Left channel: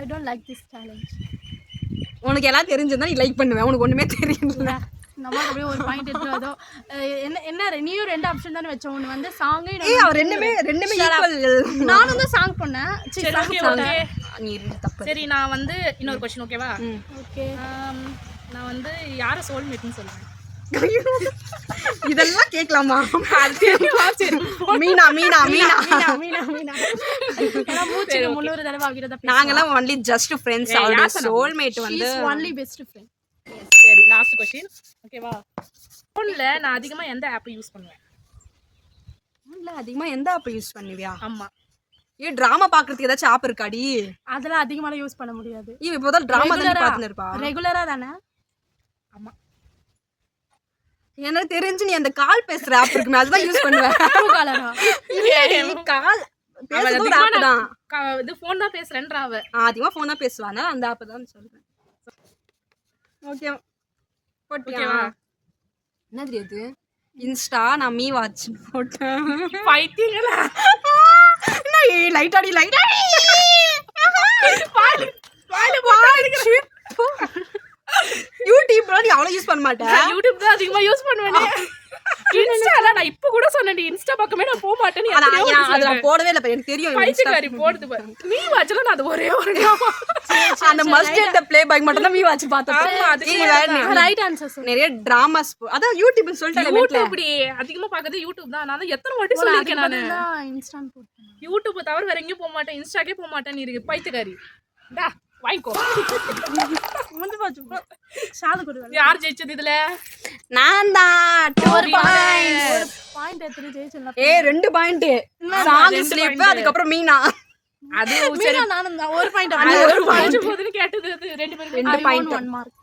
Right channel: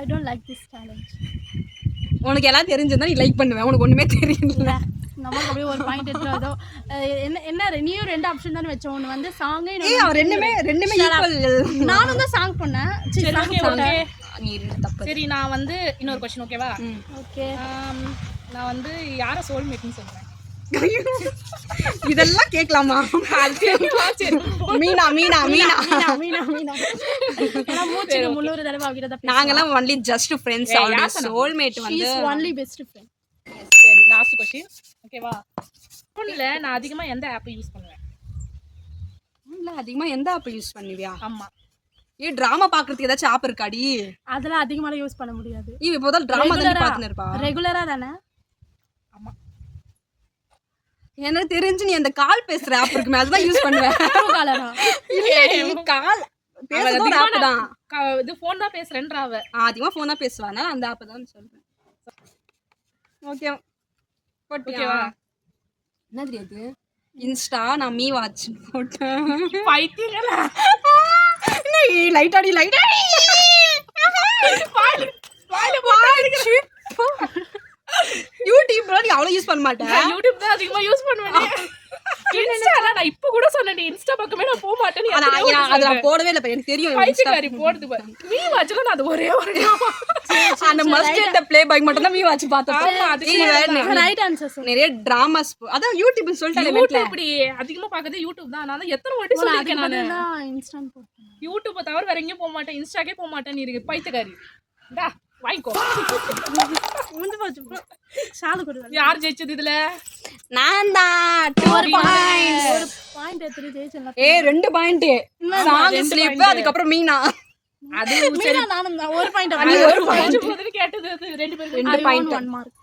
I don't like this challenge. உனக்கு எல்லாம் தெரிஞ்சிருந்தா நீ லைக் பண்ணுவேன். உனக்கு ஒண்ணுமே தெரியல. நமக்கு அப்படியே ஒரு பாயிண்ட் எடுத்துறதோ. என்ன நீயும் ரெண்டு ஆப்ஷன் தானே வச்ச. ஒன்னு வந்து சாங் அவர் ரெண்டுமே ஈக்குவல். நானும் தான் சாங் பண்ணேன். சரி சாங் போட்டேன். நீ தப்பு. சரி நான் வந்து இன்னொரு क्वेश्चन ஓகேவா? ஓகே. நான் வந்து யார சோல்மேட்னு சொல்றேன். இதெல்லாம் கேட்கலாமா? மீனா மீனா மீனா மீனா மீனா எல்லாம் மூச்சுக்கு 300 தடவை அவகிட்ட தான். நாங்கலாம் ஒன்லி ஜஸ்ட் ஃப்ரெண்ட்ஸ். அவளோட சோல்மேட் வந்து ஒன்லி பெஸ்ட் ஃப்ரெண்ட். சரி லாஸ்ட் क्वेश्चन ஓகேவா? ஃபோன்ல நான் அதிகமா எந்த ஆப் யூஸ் பண்ணுவேன்? ஃபோன்ல அதிகமா எந்த ஆப் யூஸ் பண்ணுவியா? ஆமா. டிராமா பாக்குறதுக்கு ஏதாச்சும் ஆப் இருக்காடி? அதெல்லாம் அதிகமாக யூஸ் பண்ண முடியாது. இப்போதான் டிராமா தான் பார்த்துட்டு இருப்பா. ரெகுலரா தானே? ஆமா. எனக்கு தெரிஞ்சு நீ அந்த கால் பேசுற ஆப் இருக்குமே அதுதான் யூஸ் பண்ணுவேன். காலரா? இல்லடி கால் பேசுறது ஒரு ஆப் தான். இது ஃபோன் தான் பேசுறேன்றா அவ. அதிகமா ஃபோன் தான் பேசுவானா அந்த ஆப் தான் சொல்றேன். ஓகே போட்டியா? என்ன தெரியாது? இன்ஸ்டா நான் மீ வாட்ச் போட்டேன். பைத்தியங்களா? லைட்டாடி லைட்டாடி யூடியூப்ல நீ அவ்வளவு யூஸ் பண்ண மாட்டேன். யூடியூப் தான் அதிகமா யூஸ் பண்ணுவேன். இன்ஸ்டால நான் இப்ப கூட சொன்னேன் இன்ஸ்டா பக்கமே நான் போக மாட்டேன். ஆனா அத நான் போடவே இல்ல. எனக்கு தெரியும் பைத்தியக்காரி போடுது பாரு. மீ வாட்ச்ல நான் அது ஒரே ஒரு அந்த மஸ்ட் இந்த ப்ளே பாய் மட்டும் தான் மீ வாட்ச் பார்த்தேன். Right answer. நிறைய டிராமாஸ் அதான் யூடியூப்னு சொல்லிட்டேன். யூடியூப் இப்படி அதிகமா பார்க்கிறது யூடியூப் தான். நான் எத்தனை வாட்டி சொல்லிருக்கேன் நான். இன்ஸ்டான் போட்டேன். யூடியூப் தவிர வேற எங்கேயும் போக மாட்டேன். இன்ஸ்டாக்கே போக மாட்டேன். நீ இருக்கு பைத்தியக்காரி. டா வாய்க்கோ. முந்து போச்சு. சாது கொடுங்க. யார் ஜெயிச்சது இதுல? நான் தான். ஒரு பாயிண்ட் எடுத்து ஜெயிச்சேன். 2 பாயிண்ட். சாங் ஸ்லிப் அதுக்கு அப்புறம் மீனா. அது மீனா நானும் தான். ஒரு பாயிண்ட். நீ ஒரு பாயிண்ட் கேட்டது 2 பேரும் 2 பாயிண்ட் 1 மார்க்.